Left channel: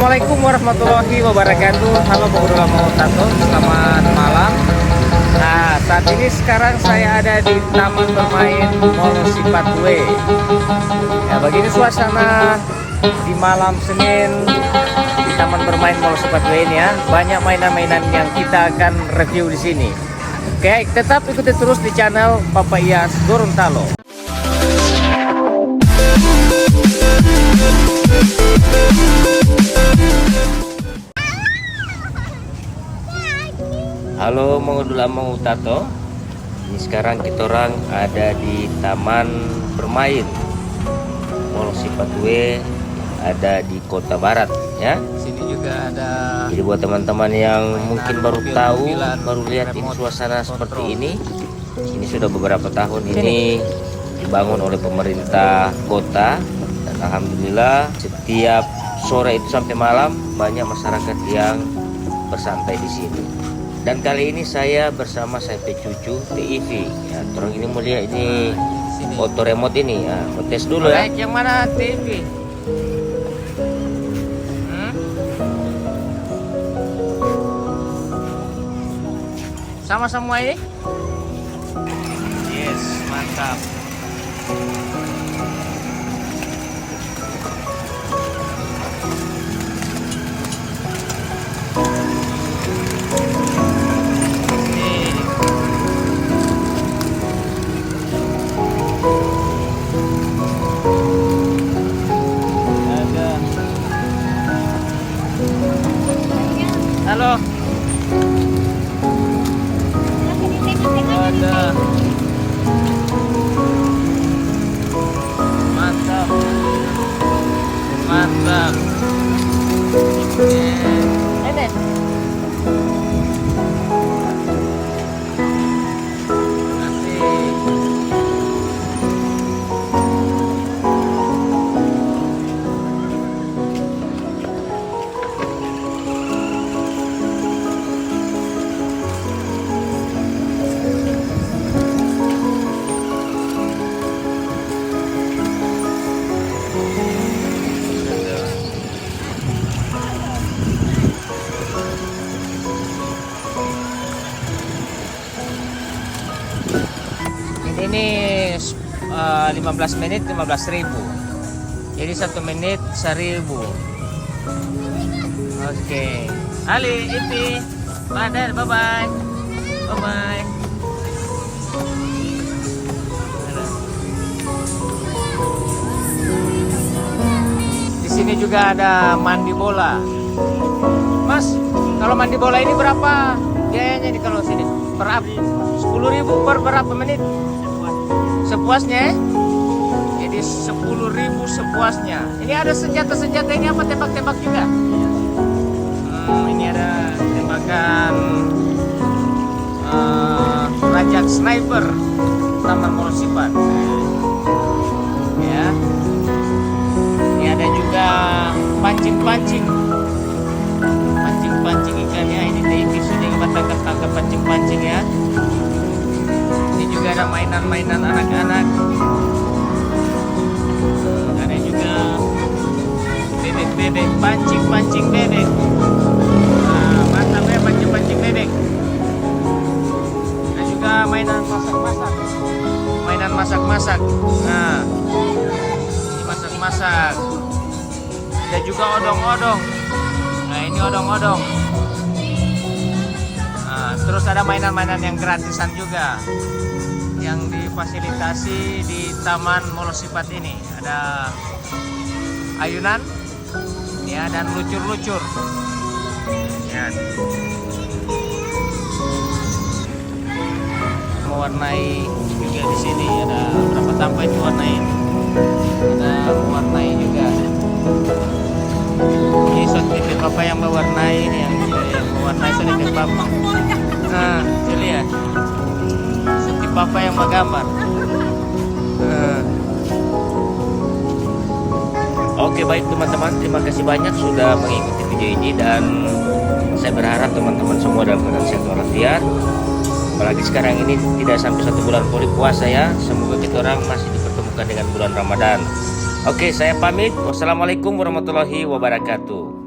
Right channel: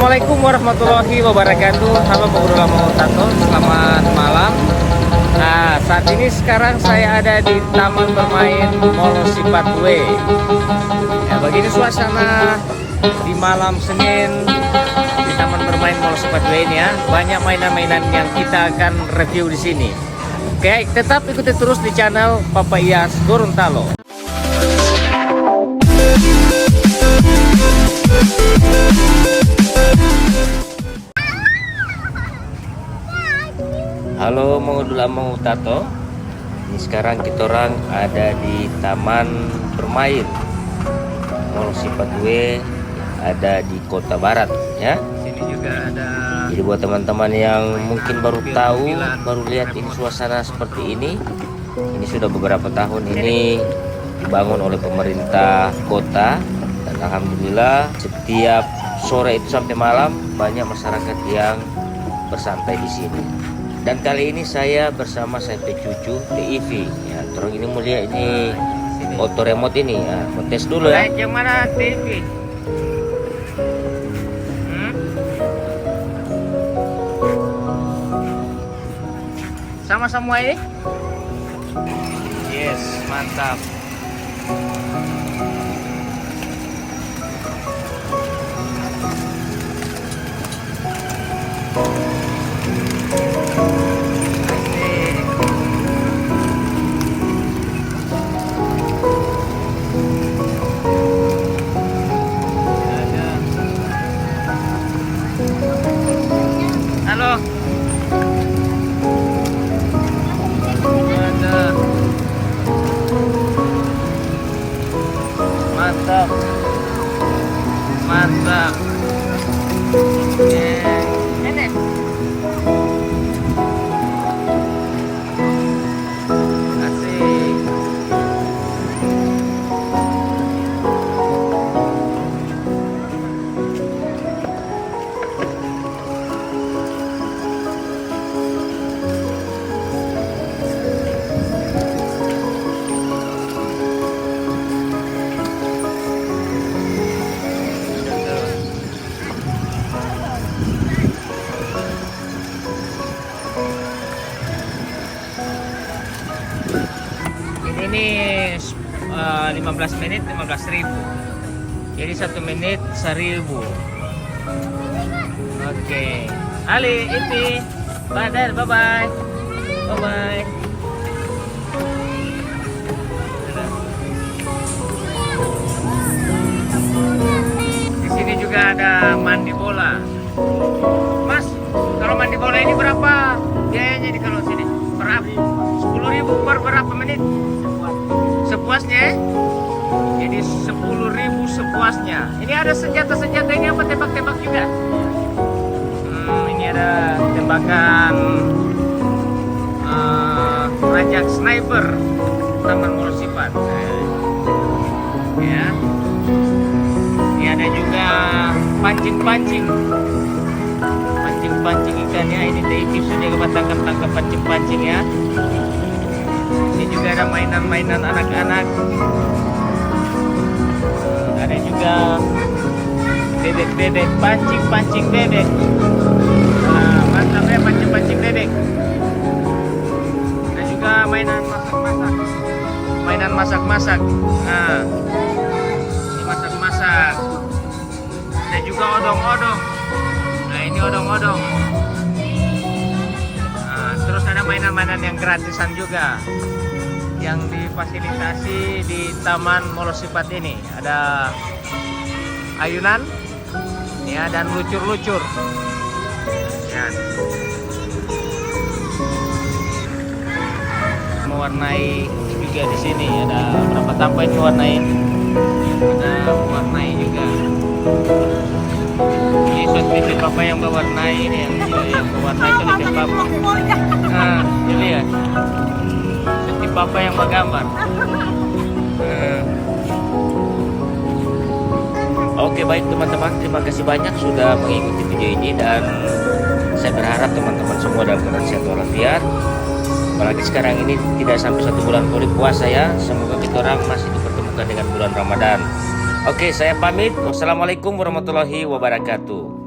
Assalamualaikum warahmatullahi wabarakatuh. Halo Bogor Mau Tato, selamat malam. Nah, saat ini sekarang saya ada di Taman Bermain Mall Sipatwe. Ya, begini suasana di malam Senin di Taman Bermain Mall Sipatwe ini ya. Banyak mainan-mainan yang kita akan review di sini. Oke, tetap ikuti terus di channel Papa Iyas Gorontalo. Halo Mau Tato. Ini sekarang kita orang ada di Taman Bermain Mall Sipatwe yang ada di Kota Barat ya. Sini juga ada. Jadi buat teman-teman yang mungkin baru tahu, baru lihat ini suasana seperti ini sudah beberapa tahun ini dibangun oleh pemerintah kota, dan alhamdulillah setiap sore itu sampai malam banyak masyarakat yang bersantai di sini. Dan kali ini saya bersama saya cucu TIV ya. Terus ini mulia ini auto remote ini ya. Mau tes dulu ya. Yang mana TV? Sama semua ini? Yes, mantap. Halo. Ada. Mantap. Mantap. Ini. Asik. Ini 15 menit 15.000. Jadi 1 menit 1.000. Oke. Ali, Ipi, Badar, bye bye. Bye bye. Di sini juga ada mandi bola. Mas, kalau mandi bola ini berapa biayanya nih kalau sini? Per 10.000 per berapa menit? Sepuasnya, jadi 10.000 sepuasnya. Ini ada senjata-senjata ini apa, tembak-tembak juga? Ini ada tembakan rajak sniper Taman Mall Sipat. Ya. Ini ada juga pancing-pancing ikannya. Ini TV sudah tangkap pancing-pancing ya. Ini juga ada mainan-mainan anak-anak. Ada juga bebek-bebek, pancing bebek. Mantap ya, pancing bebek. Ada juga mainan masak-masak. Nah, ini masak-masak. Ada juga odong-odong. Nah, ini odong-odong. Nah, terus ada mainan-mainan yang gratisan juga, yang difasilitasi di Taman Mall Sipat ini. Ada ayunan ya, dan lucur-lucur ya. Mewarnai juga di sini. Ada berapa tampak ini mewarnai? Ada mewarnai juga. Ini setiap papa yang mewarnai ini, yang mewarnai setiap papa. Nah, lihat. Papa yang menggambar. Oke, baik teman-teman, terima kasih banyak sudah mengikuti video ini, dan saya berharap teman-teman semua dalam keadaan sehat walafiat. Apalagi sekarang ini tidak sampai 1 bulan pulih puasa ya. Semoga kita orang masih dipertemukan dengan bulan Ramadan. Oke, saya pamit. Wassalamualaikum warahmatullahi wabarakatuh.